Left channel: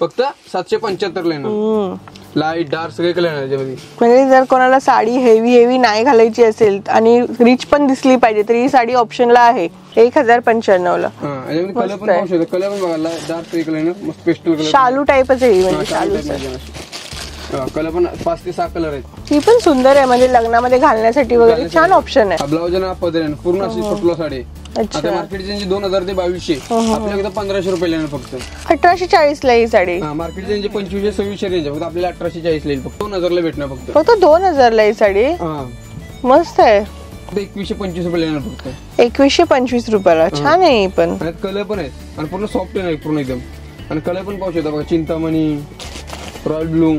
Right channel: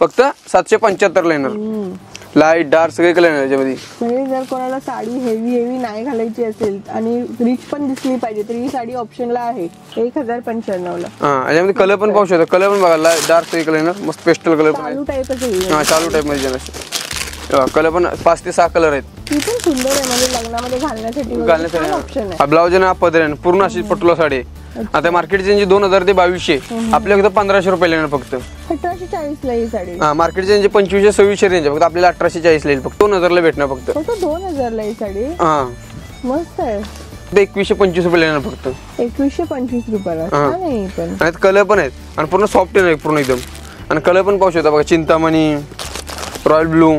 फक्त 775 ला येणार. लाईट डार्क सगळे कलर येणार याच्यामध्ये. म्हणजे जर कोणाला साडी हेवी नाही घालायची असेल आणि रिच पण दिसली पाहिजे तर ही साडी ऑप्शनला आहे 1095 ला. याच्यामध्ये कलर पण पाहू शकतो. कलर पण बघा डार्क सगळे कलर येणार. मस्त पेस्टल कलर शालू टाईपच आहे. शालू टाईप मध्ये येणार. कलर पण 5 ते 6 कलर आहेत. ही पण सुंदर आहे म्हणजे लग्नामध्ये घालण्यासाठी वगैरे छान ऑप्शन आहे. ब्लाउज आहे ना पदर आहे पूर्ण अशी पटोला साडी आहे. आता मार्केटची रेंज 2000 ते 2200. आपल्याकडे 1500 रुपये येणार फक्त. 1840 ला ही साडी. मार्केटची रेंज 2500 2600 रेंज फक्त आपल्याला 1840 ला येईल. फक्त 2000 ला भेटणार फक्त. 2000 ला ही साडी. मस्त आहे. 2125 रुपये येणार फक्त. 2125 रुपयाला छान आहे. पण कलर पण आहेत आणि पूर्ण सॉफ्ट आहे पूर्ण एकदम. आणि कलर पण पाहू शकता बघा चिंतामणी, रॉयल ब्लू.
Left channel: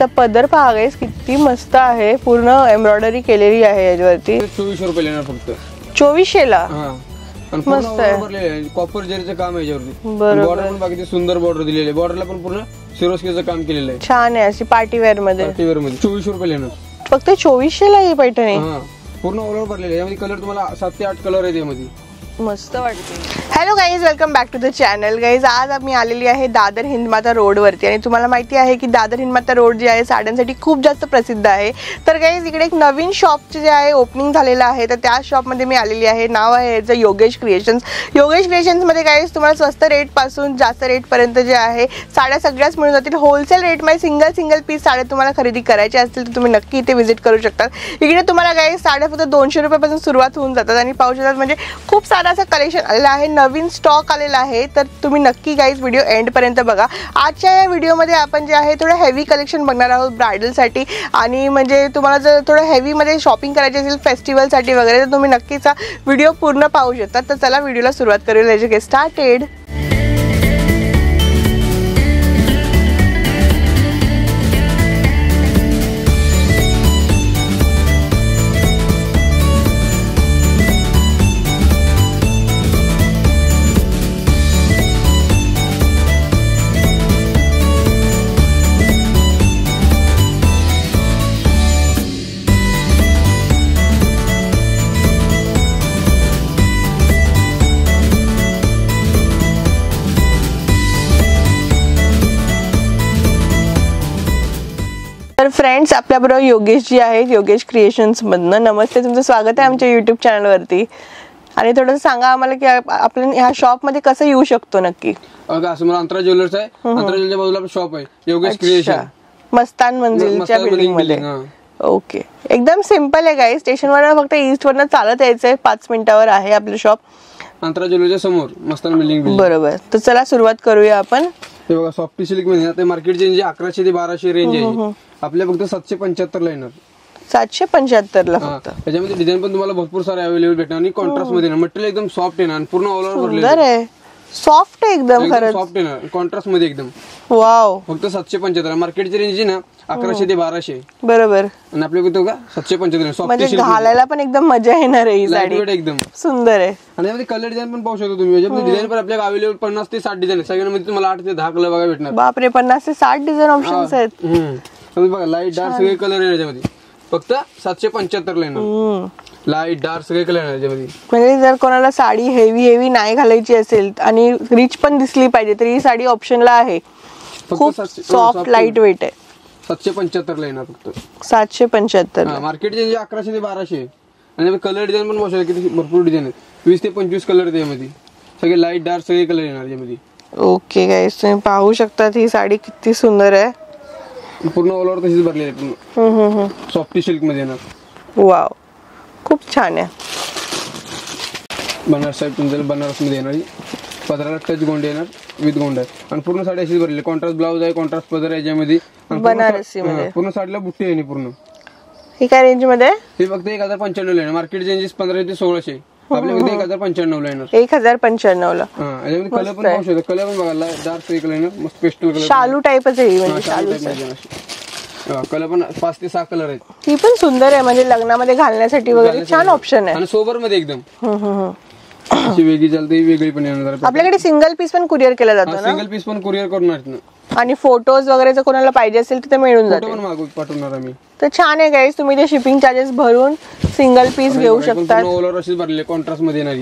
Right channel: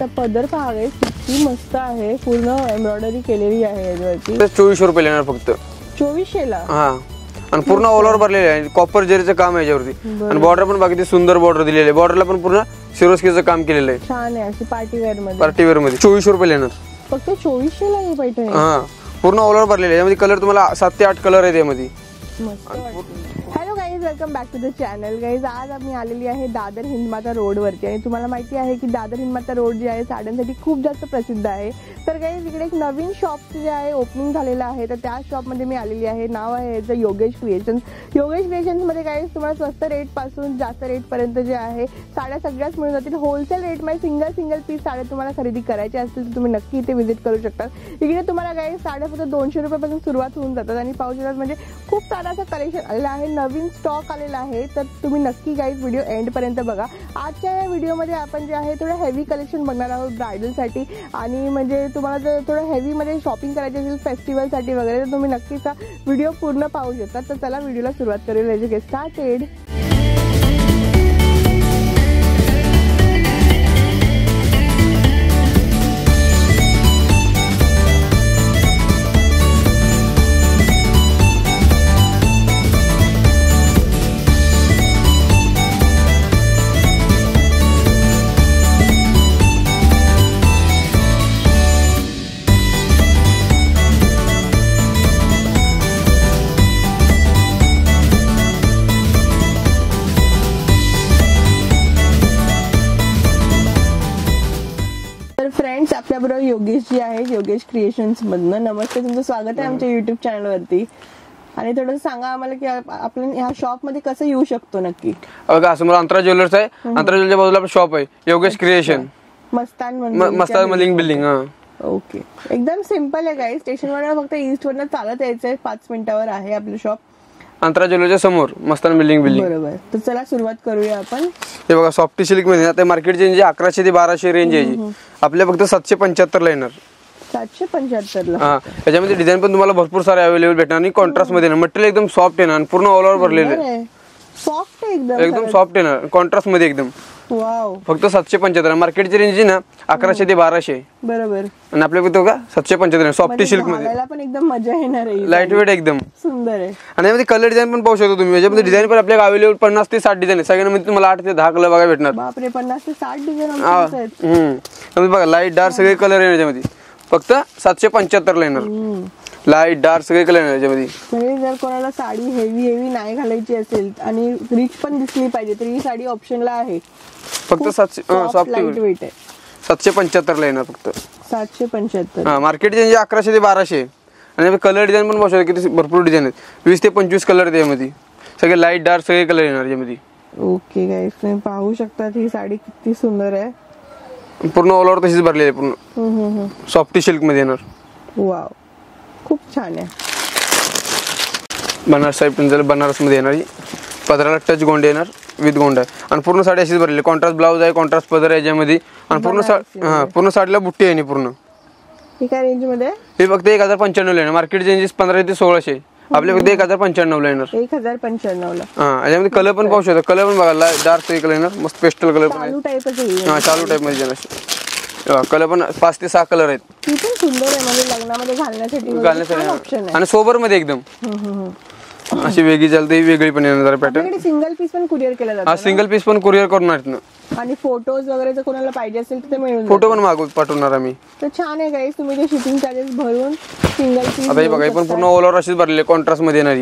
तर पदर पहा गाइस किती मस्त आहे. पूर्ण एम्ब्रॉयडरी केलेली आहे याच्यावरती. 2400 रुपये येणार फक्त. 2400 ला. आणि पूर्ण ऑल ओव्हर भरलेलं आहे. कॉपर जरीचं काम आहे याच्यावरती. बॉर्डर पण बाकी सुंदर बॉर्डर दिलेली आहे. बॉर्डरला पण पूर्ण सिरोस्कीचं काम केलेलं आहे. छान आहे. अशी पार्टीवेअर मध्ये. 2400 रुपये येणार फक्त. 2400 ला ही पैठणी. पूर्ण ऑल ओव्हर भरलेले आहे. यामध्ये कलर तुम्हाला 7 ते 8 कलर आहेत यामध्ये. मस्त वाटते. Hello guys, welcome back to the channel. Guys आज आम्ही आलेली आहे दादर हिंदमाता रोड वरती. आणि तुम्हाला माहिती आहे की दादर हिंदमाता रोड जे आहे साड्यांसाठी खूप जास्त प्रसिद्ध आहे. तर गाईज इकडे एक नवीन शॉप जे आहे ओपनिंग झालेलं आहे. तर त्या शॉपमध्ये मी आलेली आहे. नाव आहे याचं योगेश क्रिएशन्स. योगेश क्रिएशन्समध्ये गाईज तुम्हाला स्वस्त रेट पासून जास्त रेट पर्यंत जे आहे साड्या सगळ्याच मिळून जातील. होलसेल रेटमध्ये सिंगल पीस साड्या तुम्हाला खरेदी करायच्या असतील तर तुम्ही नक्की इथे व्हिजिट करू शकता. इकडे तुम्हाला गाईज साड्या फक्त 200 रुपयापासून सुरुवात होऊन जातात. आणि पाहू शकतात म्हणजे खूप सारं असं कलेक्शन आलेलं आहे. नवीन स्टॉक आलेला आहे. तर तुम्ही नक्की गाईज व्हिडिओ एंड पर्यंत बघा. आजच्या या व्हिडिओमध्ये आपण जे आहे थोडं हेवी कलेक्शन बघणार आहोत ब्रायडलसाठी. आणि म्हणजे तुम्हाला जर थोडं हेवीमध्ये शॉपिंग करायची असेल फेस्टिवलसाठी वगैरे तर तुम्ही नक्कीच व्हिडिओ पूर्ण पाहू शकता. तर चला व्हिडिओला सुरुवात करूया. Let's get started. फ्रेंड्स आपल्याबरोबर योगेश जी आहेत योगेश क्रिएशन्स मधनं. नमस्ते, तुमचं स्वागत आहे आमच्या युट्यूब चॅनलवरती. आणि थोडंसं सांगा आम्हाला की आपण ह्या शॉप मध्ये कसं येऊ शकतो नक्की. बघा असं मला अंतरा ज्वेलर्स आहे. अंतरा ज्वेलरच्या बाजूला शॉप आहे Yogesh creation. Mastan building. Okay, एकदम सिंपल आहे गाईज. स्टेशनवर फक्त ईस्ट वरनं चालत यायचंय. 5 मिनिटावर आहे आपलं शॉप. अंतरा ज्वेलरच्या समोर मस्तान बिल्डिंग. बरोबर. तर चला सुरुवात करूया आपण. हे बघा सॉफ्टी सिल्क मध्ये आता मार्केट रेंज 1100 ते 1200 रेंज आहे. आपल्या फक्त 775 ला येणार. 775 ला. त्याच्यामध्ये डिझाईन पण तुम्हाला भरपूर सारे अवेलेबल भेटणार. आणि कॉन्ट्रास्ट मध्ये मटेरियल एकदम सॉफ्ट येणार. पूर्ण ऑल ओव्हर भरलेलं आहे. सॉफ्ट एकदम सॉफ्ट येणार. कॉन्ट्रास्ट मध्ये एकदम. वाव. फक्त 775. मार्केटची रेंज ना 1100 ते 1200. बरोबर. आणि आपल्याकडे बघा 775 सॉफ्टी सिल्क. घालायला पण एकदम मजा येणार आहे. लाईट वेट एकदम सुंदर आहे. आणि यामध्ये कलर डिझाईन पण पाहू शकता तुम्ही. याच्यामध्ये डिझाईन पण आपल्याला अवेलेबल 50 ते 60 डिझाईन आहे. सगळ्यांमध्ये तुम्हाला 8 ते 10 कलर बघायला भेटणार. बापरे, 50 ते 60 डिझाईन ऑप्शन्स आहेत. बघा लाईट डार्क सगळे कलर येणार याच्यामध्ये. फक्त 775 ला येणार. लाईट डार्क सगळे कलर येणार याच्यामध्ये. म्हणजे जर कोणाला साडी हेवी नाही घालायची असेल आणि रिच पण दिसली पाहिजे तर ही साडी ऑप्शनला आहे. फक्त सॉफ्ट लाईट वेट आहे. 775 ला येणार फक्त. 775. मार्केट रेंज 1100 ते 1200. आणि कलर डिझाईन पण बघू किती भरपूर डिझाईन आहेत. 20 ते 25 कलर त्यामध्ये. सगळे लाईट डार्क सगळे कलर येणार यामध्ये. ओके गाईस, तुम्ही पाहू शकता ही साडी किती सुंदर आहे. पूर्ण ऑल ओव्हर तशीच भरलेली आहे. पूर्ण सॉफ्टी सिल्क मध्ये येणार. वाव, खूप छान आहे. बनारस साईड पण बनारस मध्ये येणार. पदराला टच गोंडे येणार विथ गोंडा. आणि पूर्ण साडी अशीच भरलेली. कॉन्ट्रास्ट ब्लाउज आहे, कॉन्ट्रास्ट पदर आहे याच्यामध्ये. आणि पूर्ण साडीला बुट्टी आहे पूर्ण. ही काय रेंज मध्ये? हे फक्त 1095 ला येणार. मार्केट रेंज 1500 ते 1600. आपल्या फक्त 1095 ला येणार. 1095 ला. याच्यामध्ये कलर पण पाहू शकता. कलर पण बघा डार्क कलर येणार. मस्त पेस्टल कलर. शालू टाईपच आहे. शालू टाईप मध्ये येणार. कलर पण 5 ते 6 कलर आहेत. ती पण सुंदर आहे म्हणजे लग्नामध्ये घालण्यासाठी वगैरे छान ऑप्शन आहे. आणि सोबर मध्ये एकदम अशी वेगळी चालते. वेगळी पण येणार. आपल्याकडे सिंगल पीस पण कुरिअर केला जातो. सिंगल पीस पण कुरिअर करणार. आणि फोटोज वगैरे जर कोणाला पाहिजे असेल तर ते मिळून फोटो पण मागवून पाठवणार आम्ही. तर छान आहे गाईस. तुम्ही ते शिपिंग चार्जेस भरून सिंगल पीस घेऊ शकता. पूर्ण ऑल ओव्हर अशीच भरले कॉन्ट्रास्ट मध्ये येणार.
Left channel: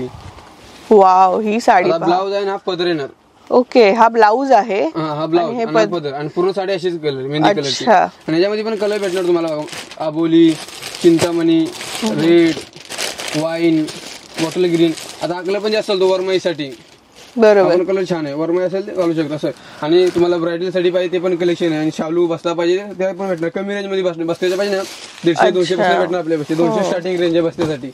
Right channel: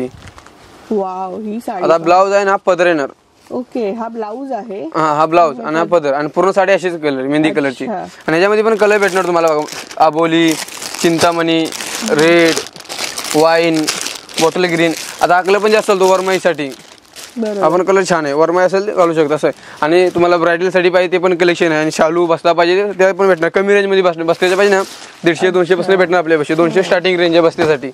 वाव, ही साडी ब्लाउज आहे ना पदर येणार. ओके, हा ब्लाऊज आहे. हा ब्लाऊज आणि पदर आणि पूर्ण साडी अशीच कलर मेहंदी कलरची. आणि याच्यामध्ये पण कलर भेटणार तुम्हाला बघा. आबोली, चिंतामणी, रेड, वाईन, बॉटल ग्रीन. आता हा कलर पण जास्त चालतो वरमाईसाठी. बरोबर, आपण कलर छान आहे, वरमाई असेल घालू शकतो असं आहे. आणि तुम्हाला ब्रायडल साठी पाहिजे ते पण कलेक्शन आहे. आणि शालू बसला पाहिजे ते पण भेटणार. कमी रेंज मध्ये बसल्याच्या पाहिजे ना 150-200 पासून भेटणार आपल्यापाशी. 200 स्टार्टिंग रेंज आहे बसण्यासाठी.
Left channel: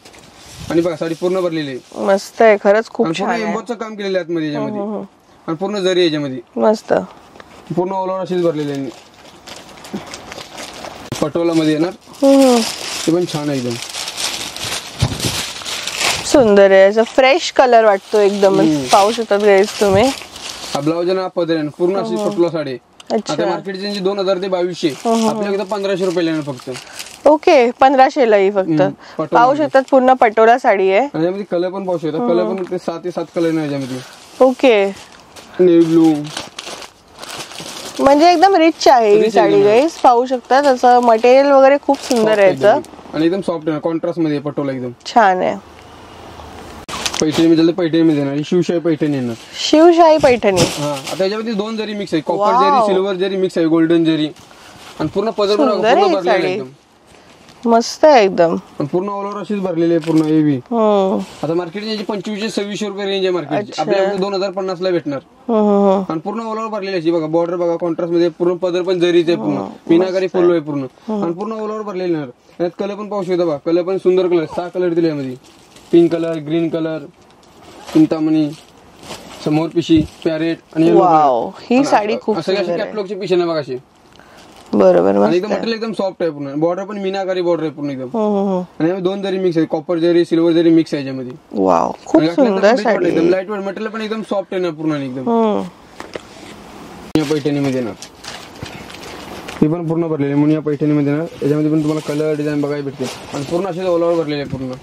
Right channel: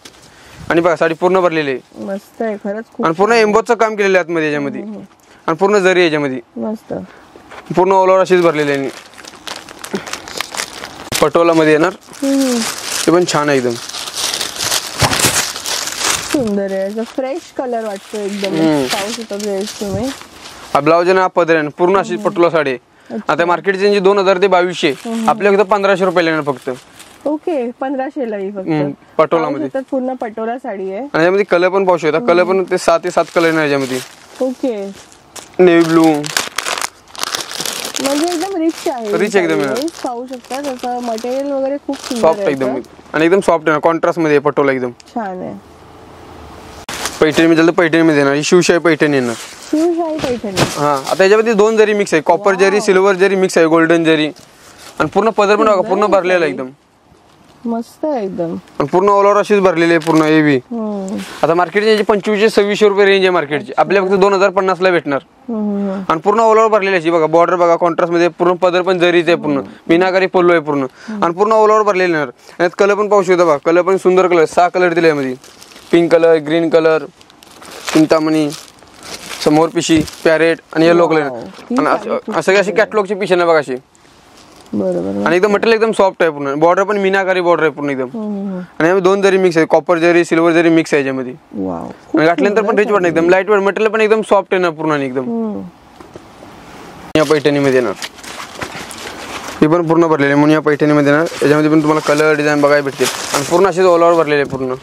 आणि बघा साडी पूर्ण भरलेली आहे, मस्त आहे खरंच खूप. आणि पूर्ण एम्बोजचं काम केलेलं आहे आतमध्ये याच्यामध्ये. आणि पूर्ण जरी याच्यामध्ये मस्त पूर्ण ऑल ओव्हर अशीच भरलेली आहे. पटोला मध्ये येणार ते पण छान आहे, एकदम सुंदर आहे. असं फ्रेश कलर वाटतो एकदम. पाहू शकता गाईस तुम्ही. हा ब्लाऊज आहे ना, पदर आहे पूर्ण अशी पटोला साडी आहे. आता मार्केटची रेंज 2000 ते 2200, आपल्या फक्त 1500 रुपये येणार फक्त. ओके, 1500 ला फक्त. पाहू शकतात पूर्ण पटोला साडी आहे. आणि यामध्ये कलर पण पाहू शकता. कलर पण ते 7 ते 7 कलर आहे याच्यामध्ये. ओके, नेव्ही ब्लू म्हणजे एकदम रिच आहे ही साडी गाईस. पाहू शकता त्याचं मटेरियल वगैरे खूप सुंदर आहे आणि एकदम सॉफ्ट आहे, कॉन्ट्रास्ट मध्ये पटोला एकदम छान आहे. पैठणी मध्ये पैठणी मध्ये येणार, शिवशाही पैठणी येणार. शिवशाही पैठणी. हा, आता याच्यामध्ये 2 जरी मिक्स आहे, कॉपर जरी, सिल्वर जरी मिक्स आहे, गोल्डन जरी. आणि पूर्ण पदर पण पूर्ण भरलेला एकदम मस्त आहे एकदम. आणि पूर्ण ऑल ओव्हर अशीच भरलेली आहे पूर्ण एबी. आता मार्केटची 2500-2600 रुपये रेंज आहे मार्केटची. आपल्या फक्त 2050 ला भेटणार. आणि पूर्ण ऑल ओव्हर भरलेली आहे बघा. बॉर्डर बघा कॉन्ट्रास्ट मध्ये, पूर्ण पदर पण जरीच आहे, पूर्ण मीनाकारी पल्लू आहे पूर्ण. आणि पूर्ण ऑल ओव्हर भरलेले येणार. यात कलर पण पाहू शकता बघा. कलर पण सुंदर कलर, 6 कलर दिले यामध्ये. Pink colour, green colour, Chintamani, समोर पिशी, पॅरेट आणि येलो कलर. असं अशी कॅटलॉगची पिशी आहे बघा अशी. बरोबर, आणि एकदम मटेरियल एकदम सॉफ्ट आहे पूर्ण. बॉर्डर पण मीनाकारी बॉर्डर आहे पूर्ण एकदम. आणि यामध्ये 2 जरी मिक्स आहे, कॉपर जरी, सिल्वर जरी मिक्स आहे याच्यामध्ये. वाव, घातल्यानंतर पण त्याची एकदम लाईट वेट मटेरियल पण एकदम सॉफ्ट आहे ना पूर्ण आणि एकदम. या पैठणी मध्ये येणार, ही पण पूर्ण भरलेली म्हणून या पैठणी मध्ये येणार. याच्यामध्ये पण तुम्हाला कलर डिझाईन बघायला भेटतील. आणि पूर्ण असेच ऑल ओव्हर भरलेले पूर्ण.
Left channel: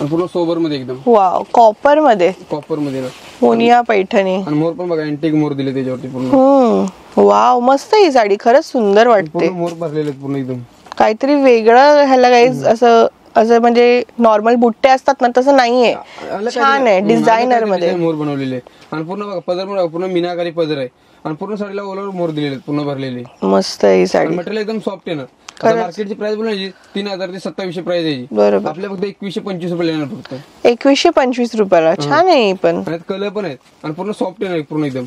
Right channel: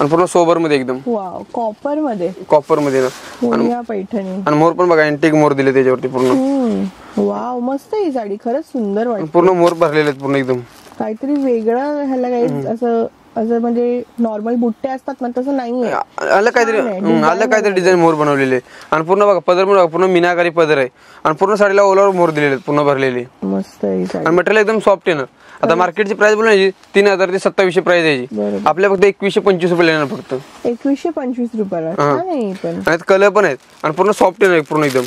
आणि पूर्ण सोबर मध्ये एकदम. वाव, कॉपर मध्ये ना मोनिया पैठणी. आणि मोर पण बघा, अँटिक मोर दिले त्याच्यावरती पूर्ण. वाव, मस्त ही साडी खरंच सुंदर वाटते. पूर्ण मोर भरलेले आहेत पूर्ण एकदम. काहीतरी वेगळं ह्याला गाईज. असं म्हणजे नॉर्मल बुट्टे असतात ना तसं नाहीये, काहीतरी डिझाईन मोर बनवलेले. आणि पूर्ण बघा पदर पण पूर्ण मीनाकारी पदर आहे. आणि पूर्ण साडीला ऑल ओव्हर मोर दिलेले पूर्ण भरलेले. मस्त आहे ही साडी. आणि मटेरियल एकदम सॉफ्ट आहे ना. आता मार्केटची प्राइस बोलायची 3000 ते 2700 प्राइस आहे. आपल्या फक्त 2125 रुपये येणार फक्त. 2125 रुपयाला. छान आहे पण. आणि कलर पण आहेत. आणि पूर्ण सॉफ्ट आहे पूर्ण एकदम.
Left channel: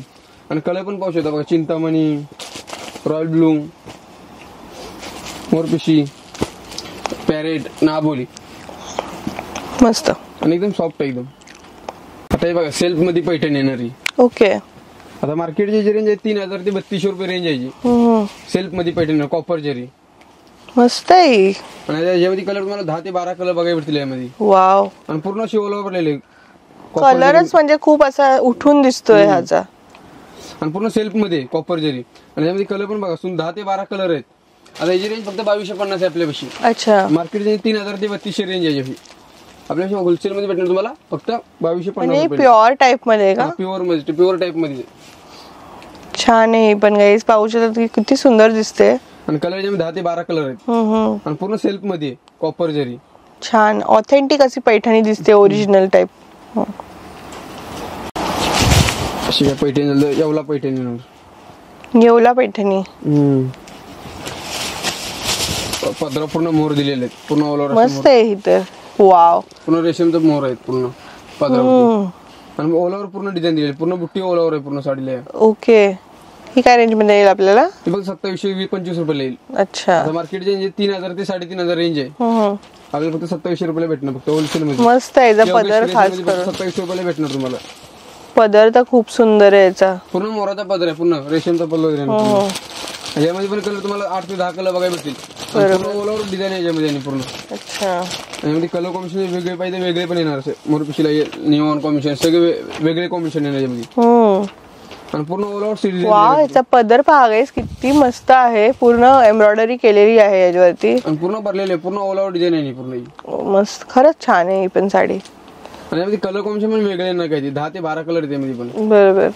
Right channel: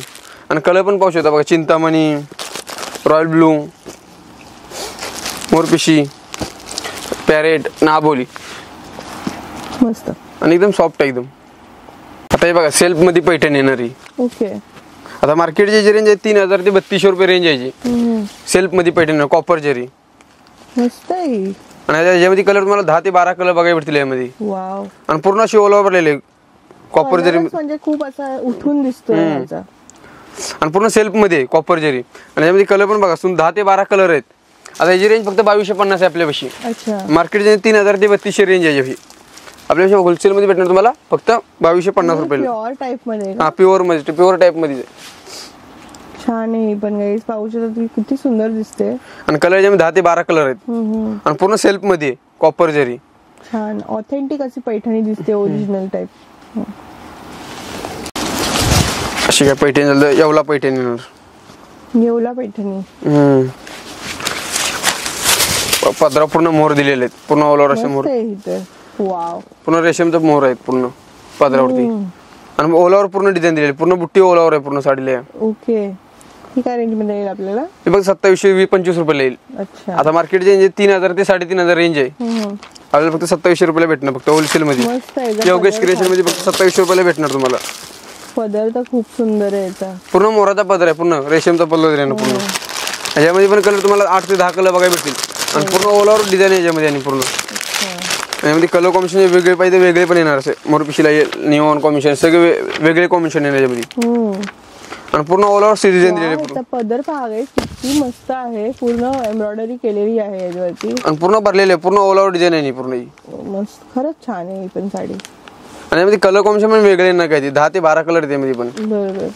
आणि कलर पण पाहू शकता बघा. चिंतामणी, रॉयल ब्लू, मोरपिशी, पॅरेट, नाबोली. मस्त आणि एकदम सॉफ्ट आहे एकदम. आता हे बघा सेल्फ मध्ये पैठणी येणारी. ओके, आता मार्केटची जी रेंज आहे 3000 ते 3200 रुपये रेंज आहे. सेल्फ मध्ये पैठणी कॉपर जरी. मस्त आहे. आणि याच्यामध्ये कलर तुम्हाला 10 ते 12 कलर बघायला भेटतील यामध्ये. वाव. आणि पूर्ण अशी ऑल ओव्हर भरलेले कॉपर जरी. म्हणजे खूप असा उठून दिसतोय ह्याचा. आणि पूर्ण सेल्फ मध्ये कॉपर जरी. आणि यामध्ये कलर पण बघा 10 ते 12 कलर आहेत. आता याची रेंज फक्त 2250 आहे आपल्यापाशी. अच्छा, मार्केटची 3000 ते 3200 रेंज आहे याची. आपल्यापाशी होलसेल मध्ये भेटणार तुम्हाला फक्त 2250 रुपये. प्युअर टाइप मध्ये का? प्युअर मध्ये, प्युअर टाइप मध्ये. छान आहे पण गाईस. पाहू शकता किती सुंदर दिसते. आणि कलर याच्यामध्ये 10 ते 12 कलर आहेत. आणि पूर्ण सेल्फ मध्ये कॉपर जरी. छान ऑथेंटिक अशी पैठणी दिसते, ओरिजिनल टाइप. अशी काय पैठणी येवला पैठणी येणार. येवला पैठणी. पदरा पूर्ण मोर दिलेले आहेत पूर्ण ऑल ओव्हर. मस्त आहे ही तर. वाव, पूर्ण रेशमचा मोर आहेत पूर्ण पदरावरती. आणि ऑल ओव्हर पूर्ण डिझाईन दिलेली, पूर्ण बुट्टी ऑल ओव्हर आहे पूर्ण साडीला. ओके, ही काय रेंज मध्ये येईल आपल्याला? ते बघ 2725 रुपये येईल. अच्छा, आता मार्केटची रेंज 3000 ते 3500 रेंज आहे. आपल्याला फक्त 2700 रुपयाला भेटणार फक्त होलसेल मध्ये. मस्त आहे. मध्ये फक्त 2700 रुपयाला भेटणार तुम्हाला. पदर तर खूप सुंदर आहे याचा. पूर्ण मोराचा पदर आहे, पूर्ण रेशमचा पल्लू आहे पूर्ण. याच्यामध्ये पण कलर तुम्हाला 8 ते 10 कलर बघायला भेटतील. आणि पूर्ण ऑल ओव्हर डिझाईन आहे याच्यामध्ये. आणि पूर्ण यामध्ये कलर कॉम्बिनेशन वेगळे पाहिजे वेगळे पण येणार. असे मोरपिशीला निऑन कॉम्बिनेशन सगळे वेगळे कॉम्बिनेशन येणार याच्यामध्ये. आणि पूर्ण ऑल ओव्हर सिरीज आहे. याचा पदर पहा गाईस किती मस्त आहे. पूर्ण एम्ब्रॉयडरी केलेली आहे याच्यावरती. आणि पूर्ण भरलेले आहे, पूर्ण ऑल ओव्हर डिझाईन आहे पूर्ण. मस्त, खरंच छान आहे ही पण साडी. आणि यामध्ये कलर कॉम्बिनेशन पण वेगळे ना काय 10 ते 12 कलर त्यामध्ये पण. बरोबर.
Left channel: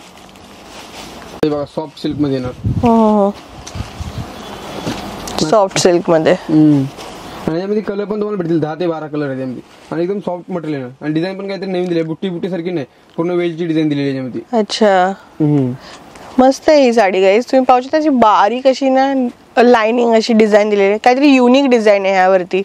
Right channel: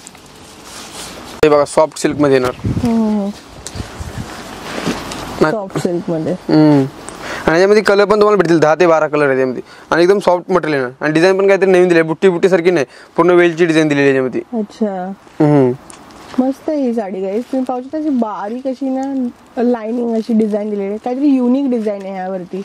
हे बघा सॉफ्ट सिल्क मध्ये येणार. सॉफ्ट सिल्क मध्ये. आणि याच्यामध्ये कलर पण तुम्हाला भेटतील 10 ते 12 कलर आहे यामध्ये आणि एकदम सॉफ्ट मटेरियल आहे आणि डिझाईन पण काहीतरी नवीन दिली बुट्टी बुट्टी सारखी नाही पूर्ण वेलची डिझाइन दिलेली आहे याच्यामध्ये. अच्छा मस्त आहे ही साडी गाईज. तुम्ही पाहू शकता बारीक अशी ना लाइनिंग अशी डिझाईन दिलेली आहे काहीतरी युनिक डिझाईन आहे ह्यावरती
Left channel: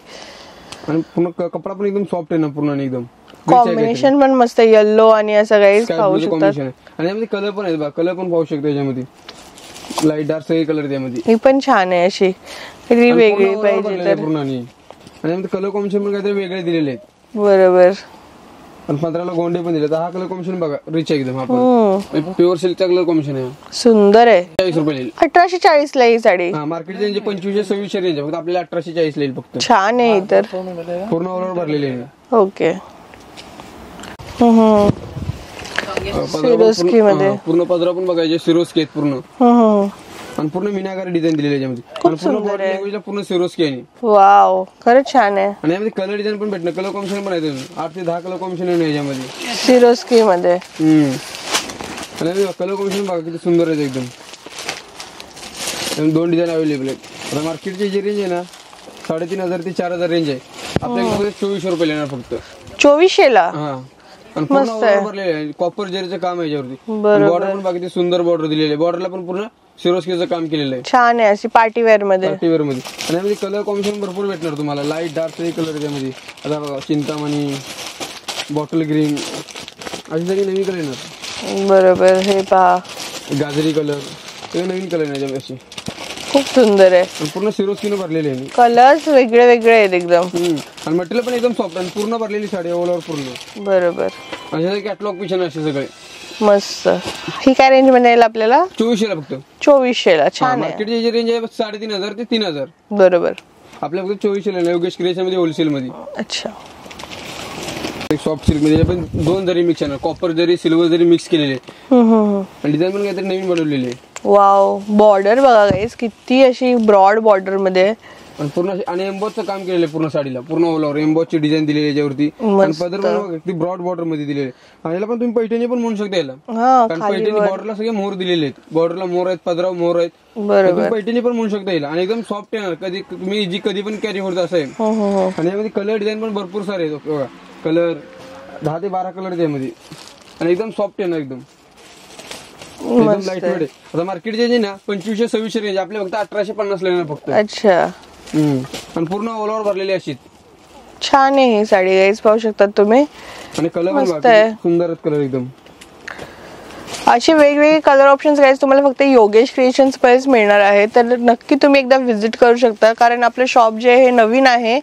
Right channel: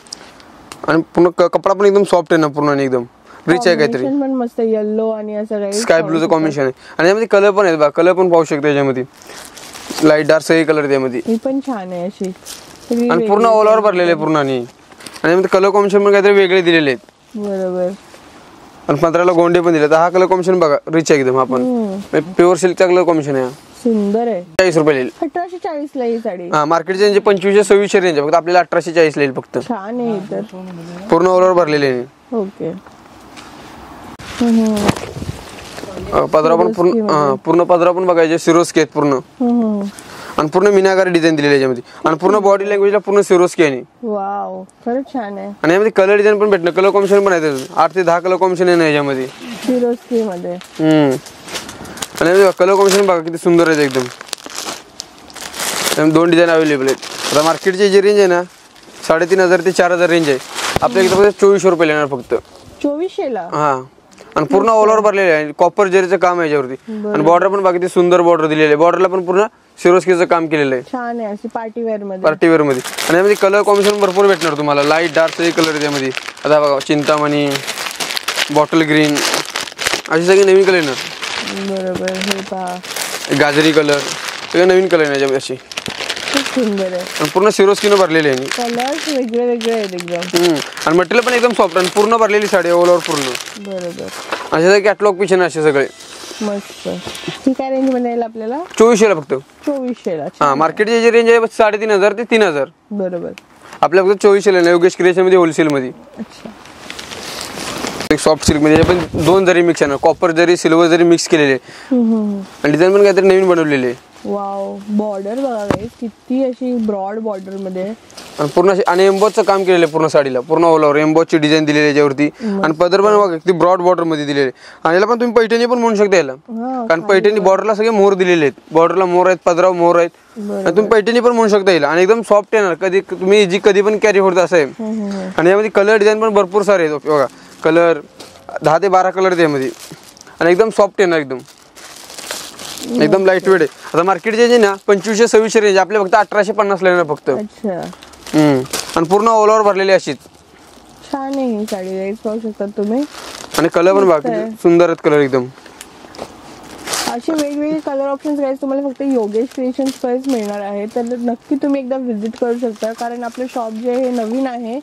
आणि पूर्ण कपडा पण एकदम सॉफ्ट आहे ना पूर्ण आणि एकदम रिच आहे काहीतरी. कॉम्बिनेशन पण मस्त येलो आणि असं काही स्काय ब्लूचं कॉम्बिनेशन आहे आणि यामध्ये कलर पण आहेत बघा कलर पण पाहू शकता याच्यामध्ये लाईट डार्क सगळे कलर आहेत यामध्ये. ही पण छान आहे अशी आणि पूर्ण ऑल ओव्हर भरलेले आहे पूर्ण आणि यामध्ये कलर कॉम्बिनेशन पण काहीतरी वेगळे दिलेले आहेत. बरोबर. आणि 15ला गोंडे पण दिले. हा कलर कॉम्बिनेशन बघा रिच आहे एकदम. आपण प्युअर सिल्कचा कलर कॉम्बिनेशन आहे. सुंदर आहे. 40 रुपये येईल. 1840 ला ही साडी. हा मार्केटचे रेंज 2500-2600 रेंज फक्त आपल्याला 1840 ला येईल फक्त. छान आहे तर पूर्ण ऑल ओव्हर भरलेले आहे. ओके. पदरा पण पूर्ण पदरा पण बघायचे सिरोस्की आहेत पूर्ण आणि पूर्ण मीनाकारी डिझाईन दिलेली आहे याच्यामध्ये आणि पूर्ण बॉडी लँग्वेजला पूर्ण सिरोस्की आहे. वाव खरंच छान आहे. आणि यामध्ये कलर डिझाईन पण भेटणार कलर कॉम्बिनेशन पण आहे 8 ते 10 कलर कॉम्बिनेशन आहे याच्यामध्ये सिरोस्की मध्ये. आणि कलर कॉम्बिनेशन बघा किती सुंदर आहे एकदम. 2 डिझाईन अवेलेबल आहेत. आता मार्केटची जी रेंज आहे ना 3500 ते 4000 रेंज आहे. आपल्याकडे फक्त 2400 रुपये येणार फक्त. 2400 ला. हा आणि पूर्ण ऑल ओव्हर भरलेले आहे. कॉपर जरीचं काम आहे याच्यावरती आणि बॉर्डर पण बाकी सुंदर बॉर्डर दिलेली आहे. बॉर्डरला पण पूर्ण सिरोस्कीचं काम केलेलं आहे. छान आहे अशी पार्टी वेअर मध्ये. पार्टी वेअर मध्ये आणि यामध्ये कलर कॉम्बिनेशन भरपूर भेटणार तुम्हाला. लाईट डार्क सगळे कलर आहे त्यामध्ये. आता बघा चिंतामणी बॉटल ग्रीन असे सगळे नवीन कलर येणार. बरोबर. हे पहा गाजरी कलर सगळे नवीन कलर आहे याच्यामध्ये असे. खूप सुंदर आहे आणि पूर्ण सिरोस्कीनं भरलेले आहे. कलर्स वेगळे वेगळे आहेत एकदम. आणि मटेरियल पण एकदम सॉफ्ट आणि पूर्ण भरलेली साडी ऑल ओव्हर पूर्ण. बरोबर. असे कॅटलॉग पिक्चर असे सगळे मस्त. ही काय रेंज मध्ये येईल आपल्याला? 2400 ला फक्त. 2400 ला. हा मार्केटची जी रेंज आहे 3500 ते 3000. बरोबर. आपल्या फक्त 2400 ला योगेश क्रिएशन मध्ये होलसेल मध्ये. अच्छा. एक सॉफ्ट सिल्क मध्ये पण 2 जरी मिक्स आहे ना कॉपर जरी सिल्वर जरी मिक्स केलेले आणि डिझाईन पण काहीतरी नवीन बनवलेले आहे. वाव. बॉर्डर बघा गाईस किती अशी ब्रॉड बॉर्डर मध्ये आणि पूर्ण आणि एम्बॉसचं काम केलेलं आहे पूर्ण साडीला पूर्ण ऑल ओव्हर एम्बॉसची डिझाईन दिलेली आहे याच्यावरती आणि पदर पण बघा किती ब्रॉड बॉर्डर मध्ये दिलेले आणि याला पण तुम्ही पैठणी पण म्हणू शकता याला कारण पैठणी बॉर्डरला सगळे मोर दिलेले आहेत. बॉर्डरला मोर आहेत पदरावर मोर आहेत. तुम्ही पैठणी पण म्हणू शकता याला आणि एकदम सॉफ्ट येणार कधी तुम्ही जी कधी पण कॅरी होत असं आहे. आणि यामध्ये कलर डिझाईन पण भरपूर सारे आहेत बघा कलर 10 ते 12 कलर त्यामध्ये आणि एकदम सॉफ्ट येणार एकदम एकदम लाईट वेट आहे. आता मार्केटचे जे ना 2500-2600 रेंज आपल्या फक्त 1850 ला येणार फक्त. अच्छा. आणि पूर्ण ऑल ओव्हर भरलेली अशीच. छान आहे ही साडी गाईस पाहू शकतात तुम्ही. आणि कलर पण बघा सुंदर आहेत कलर एकदम. असे वेगवेगळे कलर ऑप्शन्स गाईस तुम्हाला फक्त योगेश क्रिएशन्स मध्येच मिळणार आहे. तर नक्की तुम्ही एकदा व्हिजिट करू शकता कारण आपलं शॉप जे आहे हे नवीन आहे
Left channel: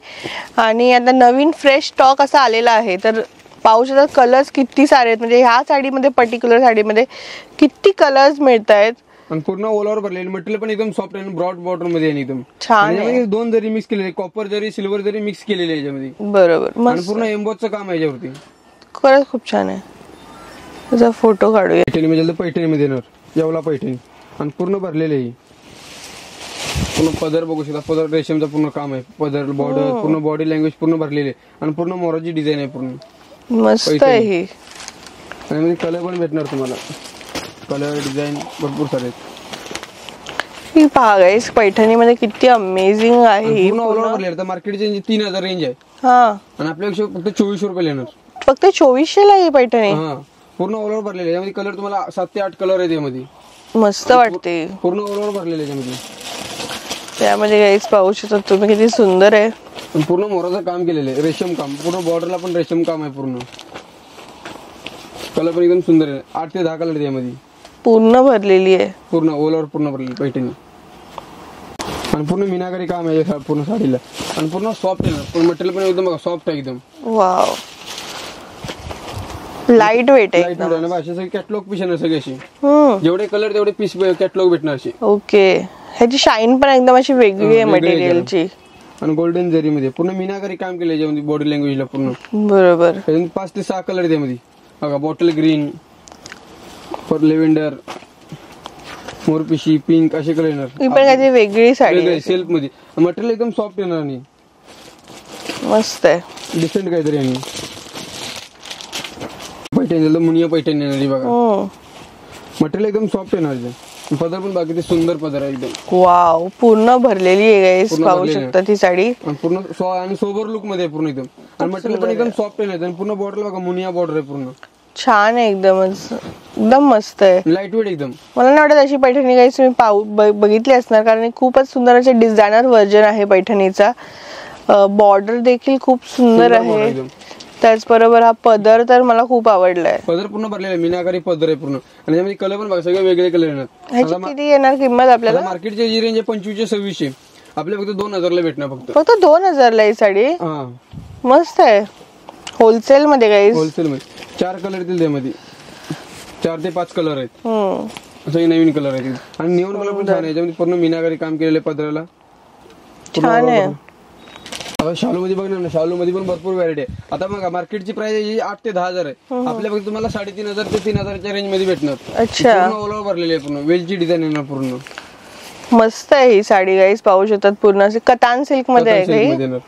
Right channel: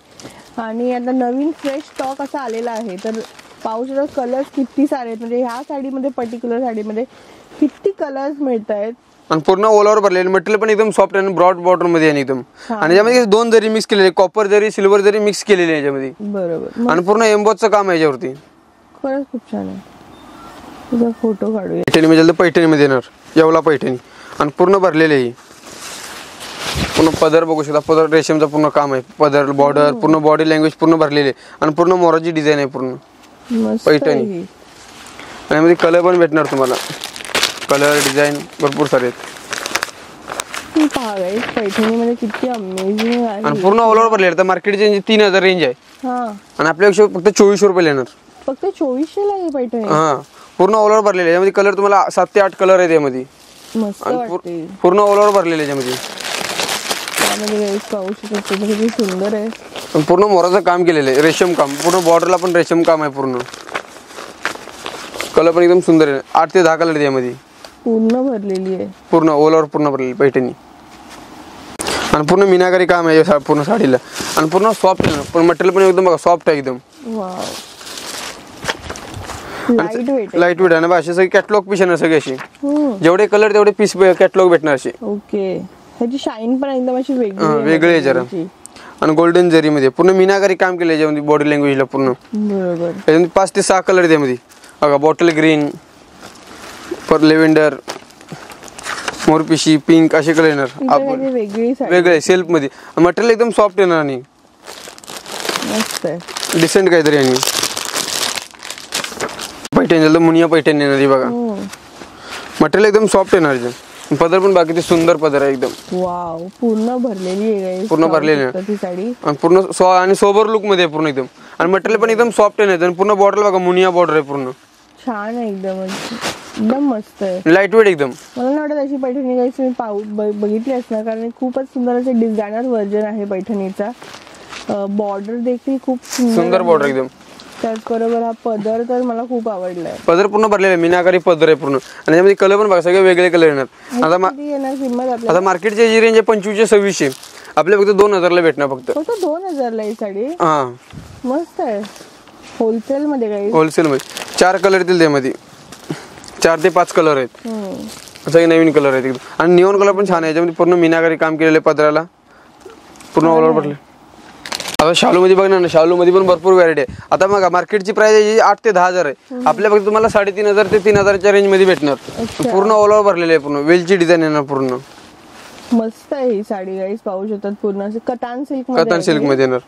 आणि आता नवीन फ्रेश स्टॉक असा आलेला आहे. तर पाहू शकता कलर्स किती सारे आहेत म्हणजे ह्या साडीमध्ये पर्टिक्युलर साडीमध्ये किती कलर्स मिळत आहेत. आणि पूर्ण ऑल ओव्हर भरलेले मटेरियल पण एकदम सॉफ्ट आणि ब्रॉड बॉर्डर मध्ये आहे एकदम. आणि यामध्ये 2 जरी मिक्स केलेले कॉपर जरी सिल्वर जरी मिक्स केलेले आहे याच्यामध्ये. बरोबर. आणि पूर्ण एम्बॉसचं काम आहे याच्यावरती. खरंच खूप छान आहे. त्याचा फोटो काढूया. पैठणी म्हणजे पैठणी मध्ये येणार येवला पैठणी आणि पूर्ण भरलेले आहे. पूर्ण पदर बघू शकता पदर रेशमचं पूर्ण काम आहे. पदर बॉर्डर पूर्ण बॉडी लँग्वेज पूर्ण भरलेली आहे आणि पूर्ण मोराची डिझाईन आहे पूर्ण. मस्त आहे ही. आणि यामध्ये कलर पण भेटणार तुम्हाला. कलर डिझाईन भरपूर सारे आहेत. ही पहा गाईस पैठणी मध्ये किती अमेझिंग आहे. पूर्ण ऑल ओव्हर भरलेलं तर मार्केटची 3000 रेंज आहे. हा आणि आपल्यापेक्षा फक्त 2400 रुपये येणार. फक्त 2400 ला ही पैठणी. हा पूर्ण ऑल ओव्हर भरलेले यामध्ये कलर तुम्हाला 7 ते 8 कलर आहेत यामध्ये. मस्त वाटते. पूर्ण ऑल ओव्हर भरलेले याच्यामध्ये. त्यामध्ये गाईस पाहू शकता तुम्ही किती सुंदर आहे. पूर्ण मोराचं काम केलेलं आहे रेशम काम पूर्ण बॉर्डरला पण रेशम काम आहे पूर्ण. कलर पण एकदम सुंदर आहे 8 ते 10 कलर आहेत यामध्ये. पूर्ण भरलेली आहे पूर्ण ऑल ओव्हर पूर्ण भरलेली पैठणी आणि पूर्ण मीनाकारी काम आहे पूर्ण साडीला आणि पूर्ण सॉफ्ट आहे पण मटेरियल पण एकदम बघा सॉफ्ट आहे एकदम. वाव. लाईट वेट आहे. लाईट वेट आहे ना असे सगळे कॅटलॉग पीस आहे सगळे असे जेवढे कलर तेवढे पीस कॅटलॉग भेटणार असे. ओके. ह्याची शाईन पण एकदम अशी वेगळी आहे मटेरियलची आणि गोल्डन जरी मध्ये पूर्ण मीनाकारी काम केलं याच्यामध्ये बॉडी लँग्वेजला पूर्ण. बरोबर. 5 ते 6 कलर त्यामध्ये बघा बॉटल ग्रीन पर लेव्हेंडर मोरपिशी पिंक असे कलर येणार. वेगळी साडी वेगळे सेल्फ मध्ये मटेरियल एकदम सॉफ्ट येणार आणि मस्त आहे डिसेंट काहीतरी. आणि पैठणी मुनिया पैठणी येणार बघा मटेरियल एकदम सॉफ्ट येणार. पदर पण बाकी सुंदर पदर आहे एकदम. वाव, पूर्ण भरलेली आहे गाईस, पूर्ण भरलेली आहे ती साडी. आणि पूर्ण आणि सोबर लुक मध्ये पूर्ण एकदम. आणि मटेरियल पण एकदम सॉफ्ट आहे आणि पूर्ण बॉर्डर बघा मुनिया बॉर्डर आहे पूर्ण. छान आहे एकदम, एकदम मस्त आहे. लाईट वेट एकदम. मला नाही वाटत अशी पैठणी गाईस तुम्ही बघितली असणार, कारण खूपच सुंदर असे डिझायनर व्हर्जन आहे पैठणीचा. बॉर्डर देखील खूप सुंदर बॉर्डर आहे. एकदम. त्याचबरोबर हा पदर तर मला खूप आवडलाय. पदर पूर्ण भरलेला आहे, मीनाकारी पदर आहे पूर्ण. आणि त्यामध्ये कलर पण बघा सगळे वेगळे कलर येणार. किती येणार किंमत आपल्याला? मार्केटची जी रेंज आहे 2500 2600, आपल्या फक्त 2000 ला भेटणार फक्त 2000 ला ही साडी. हा, मस्त आहे. होलसेल मध्ये गाईस, होलसेल मध्ये 4 कलर येतील त्यामध्ये. 4 ते 5 कलर आहेत. असं नवीन कलर आहेत एकदम. आणि निऑन कलर पण छान आहे, याच्यामध्ये पूर्ण मीनाकारी काम केलेलं आहे पदराला पूर्ण ऑल ओव्हर. आता शालू मध्ये बघणार ना, शालू मध्ये पण भरपूर व्हरायटी आहे. आता बघा मार्केटची प्राइस आहे 8 ते 10,000 आहे, आपल्या फक्त तुम्हाला 3500 ते 3000च्या रेंज मध्ये भेटणार. पूर्ण ऑल ओव्हर भरलेले आहे, पूर्ण वेलची डिझाईन येणार पूर्ण. मस्त आहे ही साडी गाईस, पाहू शकतात. पूर्ण असे कतान सिल्क मध्ये येणार.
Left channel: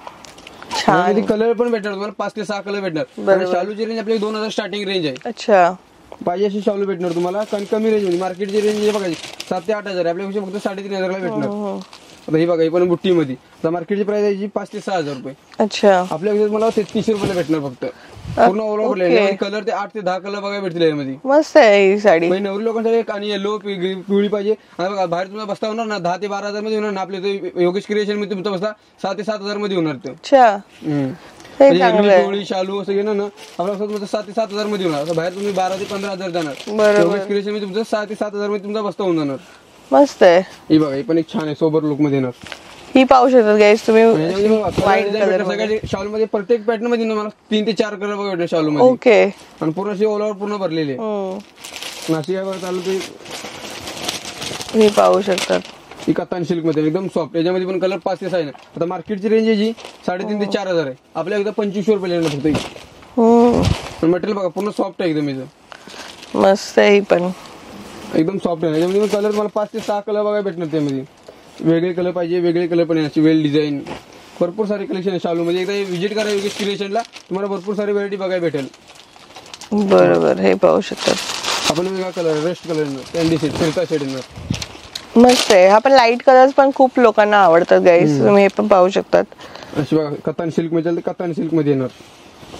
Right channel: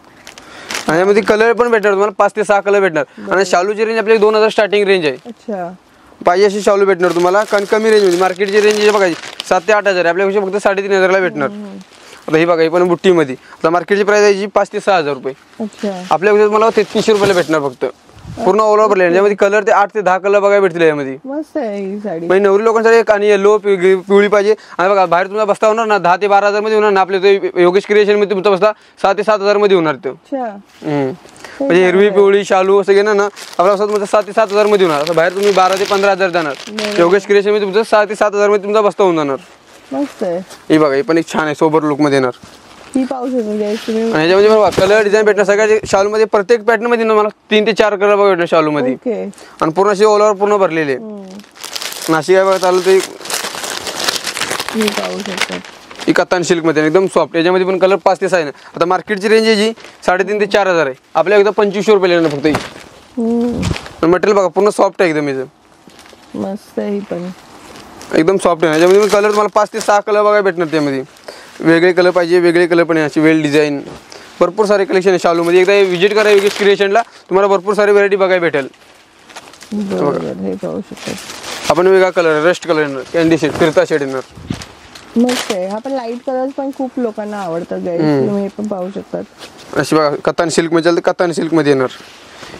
आणि यामध्ये कलर पण भेटणार तुम्हाला 5 ते 6 कलर भेटणार. आणि शालूची रेंज आपली 2000 स्टार्टिंग रेंज आहे. अच्छा, पाहिजे अशी शालू भेटणार तुम्हाला. कारण कमी रेंज मध्ये मार्केटची रेंज बघायची 7 ते 8000 आहे, आपल्यापेक्षा फक्त 3500 ला भेटणार. आता ही बघा, ही पण बुट्टी मध्ये. आता मार्केटची प्राइस आहे 5 ते 6000 रुपये. अच्छा, आपल्यापेक्षा मला 3300 रुपयाला भेटणार फक्त. पूर्ण ऑल ओव्हर यामध्ये कलर ते 8 ते 10 कलर बघायला भेटतील यामध्ये. मस्त आहे ही साडी. म्हणजे नवरी लोकांसाठी एक आणि येलो पिवळी पाहिजे. आणि बघा बाहेर तुम्हाला बसता होणार ना 10 ते 12,000 मध्ये होणार ना, आपल्या योगेश क्रिएशन मध्ये तुमचा बसता 6 ते 7000 मध्ये होणार तो. अच्छा, म्हणजे हिरवी पिवळी शालू असं घेणार ना, आपल्या 6 ते 7000 मध्ये होणार. बाहेर तुम्ही 12 ते 15,000 जाणार, योगेश क्रिएशन मध्ये तुमचं 6 ते 7000 मध्ये तुमचा बसता होऊन जाणार. मस्त आहे. ही बघा, ही पण एक छान आहे, सोबर लुक मध्ये येणार. ही पाहू शकतात गाईस तुम्ही. ह्याच्यामध्ये बघा कलर डिझाईन भेटणार सगळ्या शालू मध्ये. प्रत्येक पॅटर्न मध्ये मला 3 ते 4 कलर भेटणार शालू मध्ये. ओके. आणि पूर्ण अशी ऑल ओव्हर पूर्ण भरलेली आहे. नाशिक आहे बघा चालू ते. ही पाहू शकतात, ही कतान सिल्क मध्ये एकदम सॉफ्ट. याच्यामध्ये पण कलर 5 ते 6 आहे. आता मार्केटची रेंज आहे जी 3.5 ते 4000 आहे, आपल्या एकदम 2500 रुपये येणार फक्त. ही मटेरियल बघा पूर्ण सॉफ्ट आहे एकदम. याचं मस्त आहे, ही पण एकदम सॉफ्ट आहे. याच्यामध्ये कलर तुम्हाला 5 ते 6 कलर बघायला भेटणार. त्यामध्ये वेगळे कलर पाहिजे, वेगळे कलर पण आहे. अशी वेल डिझाईन भरपूर सारे कलेक्शन आहे शालू मध्ये. एकदा विजिट करा योगेश क्रिएशनला, तुम्हाला भरपूर सारी व्हरायटी बघायला भेटेल. बरोबर, हे पाहू शकतात. आपण वेगळा कलर रस्ट कलर येणार, कॅन्डी शेड, फिरता शेड येणार. मस्त आहे. हा पण लाईट कलर्स पण खूप लोकांना आवडतात गाईस, तुम्ही हे पण पाहू शकतात. अशी बघा कतान सिल्क मध्ये चालते, कतान सिल्क मध्ये येणार.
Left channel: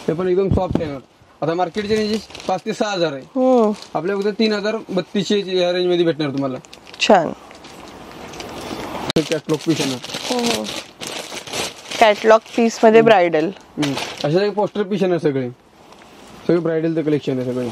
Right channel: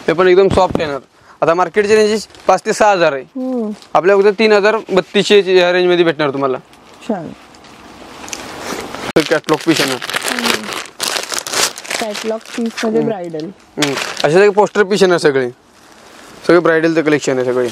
हे पण एकदम सॉफ्ट येणार. आता मार्केटची रेंज 5 ते 6000 आहे, आपल्या फक्त 3032 या रेंज मध्ये भेटणार तुम्हाला. छान कॅटलॉग पीस येणार. कॅटलॉग पीस मध्ये ब्रायडल असे सगळे पोस्टर पीस येणार. सगळे ब्रायडलचं कलेक्शन आहे सगळे.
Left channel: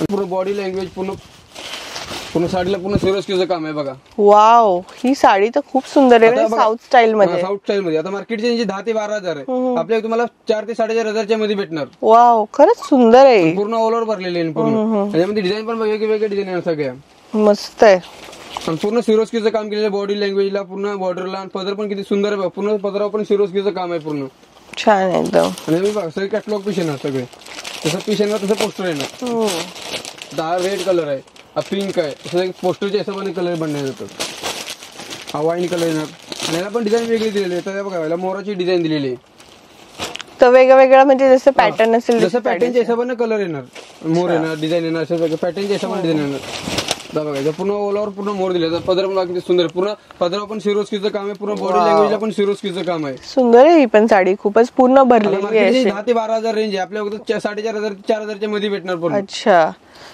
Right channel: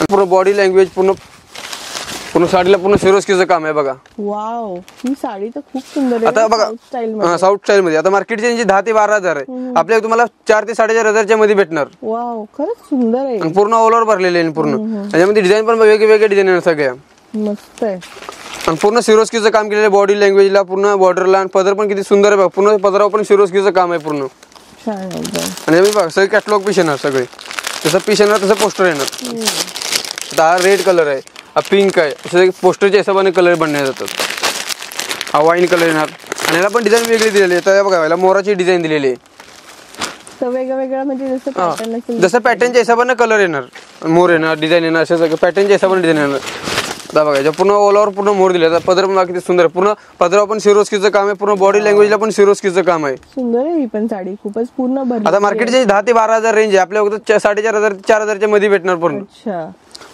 पूर्ण बॉडी लँग्वेज पूर्ण साडीला पूर्ण सिरोस्कीचं काम आहे बघा. वाव, ही साडी तर खूप सुंदर आहे. साऊथ स्टाईल मध्ये. साऊथ स्टाईल मध्ये. आता मार्केटची रेंज 10 ते 12,000 आहे, आपल्या तुम्हाला 4 ते 4,500 मध्ये भेटणार. वाव, खरंच सुंदर आहे. पूर्ण ऑल ओव्हर भरलेले आहे पूर्ण. त्याच्यामध्ये डिझाईन पण वेगवेगळे डिझाईन येणार सगळ्या. मस्त आहे. आणि पूर्ण सिरोस्कीचं काम केलेलं बॉडी लँग्वेजला, पूर्ण बॉर्डरला. आणि पदर पण किती सुंदर आहे बघा, पूर्ण पदरावर पण सिरोस्कीचं काम आहे पूर्ण. छान आहे एकदम. आणि बघा सगळे कॅटलॉग पीस येणार. सगळे जसं पीस येणार तसं पोस्टर येणार. हा रेड कलर आहे, हा पिंक आहे, असं पोस्टरच्या हिशोबाने कलर बनवले जातात. हा वाईन कलर येणार. आणि याला पण डिझाईन वेगळी दिलेली आहे. तर बघा याला मोराची डिझाईन दिलेली आहे. तर वेगवेगळा म्हणजे जसं पॅटर्न असेल जसं पॅटर्नच्या हिशोबाने कलर येणार, मोर येणार, डिझाईन येणार. असं सगळं पॅटर्नच्या हिशोबाने डिझाईन येणार. आता बघा याच्या पूर्ण ऑल ओव्हर पूर्ण मोर दिले. पदर पण किती सुंदर आहे. पूर्ण पदरावर पण सिरोस्कीचं काम आहे, पूर्ण बॉडी लँग्वेजला पण सिरोस्कीचं काम आहे. सुंदर आहे ही पण साडी, खूपच पूर्ण भरली. आता मार्केटची 10 ते 12,000 रेंज आहे, आपल्या फक्त 4,500 ते 4,000च्या मध्ये भेटणार. पूर्ण अच्छा,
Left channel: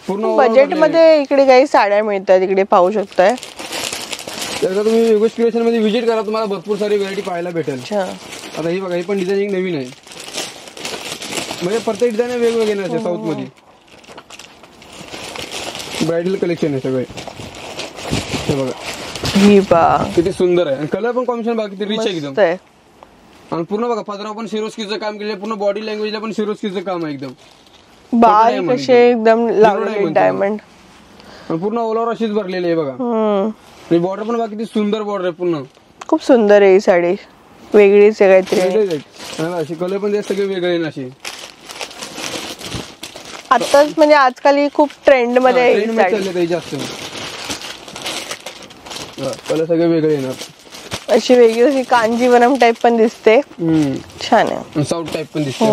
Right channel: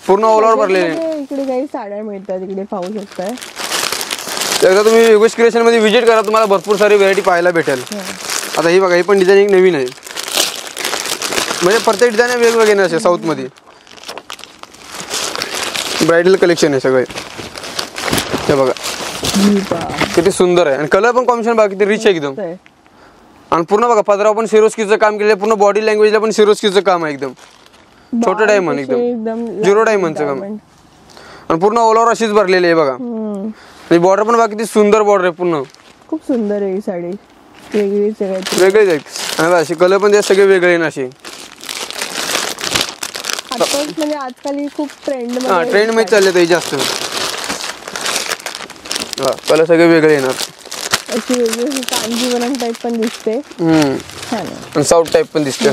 पूर्ण ऑल ओव्हर भरलेले. इकडे काही साड्या मिळतात, इकडे पाहू शकताय. एकदा तुम्ही योगेश क्रिएशन मध्ये व्हिजिट करा, तुम्हाला भरपूर सारी व्हरायटी पाहायला भेटेल. आता ही बघा, ही पण डिझाईन नवीन आहे. म्हणजे प्रत्येक डिझाईन वेगवेगळे नसते. साऊथ मध्ये ब्रायडल कलेक्शन आहे सगळे. हे बघा किती सुंदर आहे. आणि कलर पण कॉम्बिनेशन बघा किती रिच आहे एकदम. आणि पूर्ण बघा पदरावर पण सिरोस्कीचं काम केलेलं, पूर्ण बॉडी लँग्वेजला पण सिरोस्कीचं काम आहे एकदम. छोटं डायमंड एकदम 0 डायमंड. आणि पूर्ण ऑल ओव्हर अशीच भरलेली आहे बघा. आणि बॉर्डर पण बघा किती सुंदर बॉर्डर आहे. पूर्ण खूप सुंदर आहे ही साडी, वेगळीच आहे काहीतरी. वेगळीच आहे. आणि अशी कलर पण सगळे वेगळे आहे ना. अशी आताच म्हणजे आजकाल ही खूप ट्रेंड मध्ये चालले ते जास्त. कलर सगळे वेगळे येणार. अशी वेगळी अशी कांजीवरम टाइप पण दिसते. छान आहे. आणि साऊथ टाइप पण दिसते.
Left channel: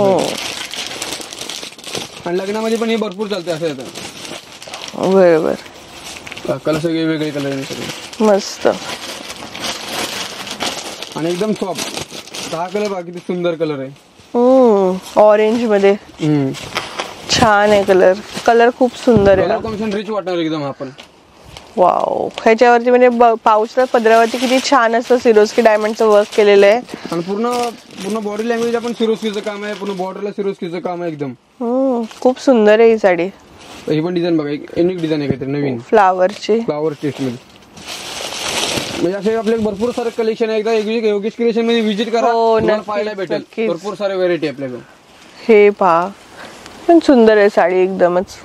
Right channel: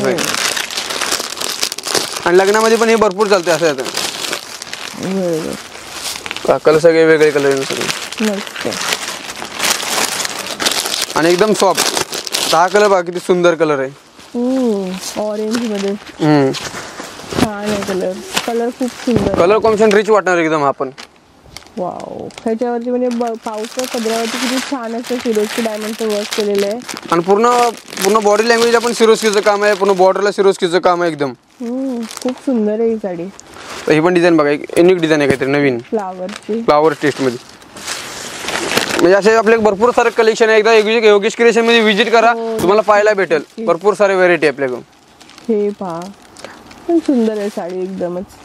आणि लग्नामध्ये पण हे भरपूर चालते असं. बरोबर. कलर सगळे वेगळे कलर सगळे मस्त. आणि एकदम सॉफ्ट. हा कलर बघा किती सुंदर कलर आहे. ऑरेंज मध्ये छान आहे कलर. कलर खूप सुंदर कलर कॉम्बिनेशन रिच वाटणार एकदम. आपण वाव, ह्याच्यावरती म्हणजे पाऊसच्या पदरावरती किती छान असं सिरोस्की डायमंडचं वर्क केलेलं आहे. आणि पूर्ण बॉडी लँग्वेज आपण सिरोस्कीचं काम आहे. पूर्ण बॉर्डरला सिरोस्कीचं काम आहे एकदम. खूप सुंदर आहे ही साडी. ही पण डिझाईन बघा, एक युनिक डिझाईन आहे काहीतरी नवीन फ्लावरची. फ्लावर टेस्ट मध्ये. म्हणजे असे आपले भरपूर सारे कलेक्शन आहे. एकदा योगेश क्रिएशन मध्ये व्हिजिट करा, तुम्हाला पाहायला भेटेल. भरपूर सारे व्हरायटी आपल्याकडे. हे पहा, पण सुंदर आहे साडी एकदमच.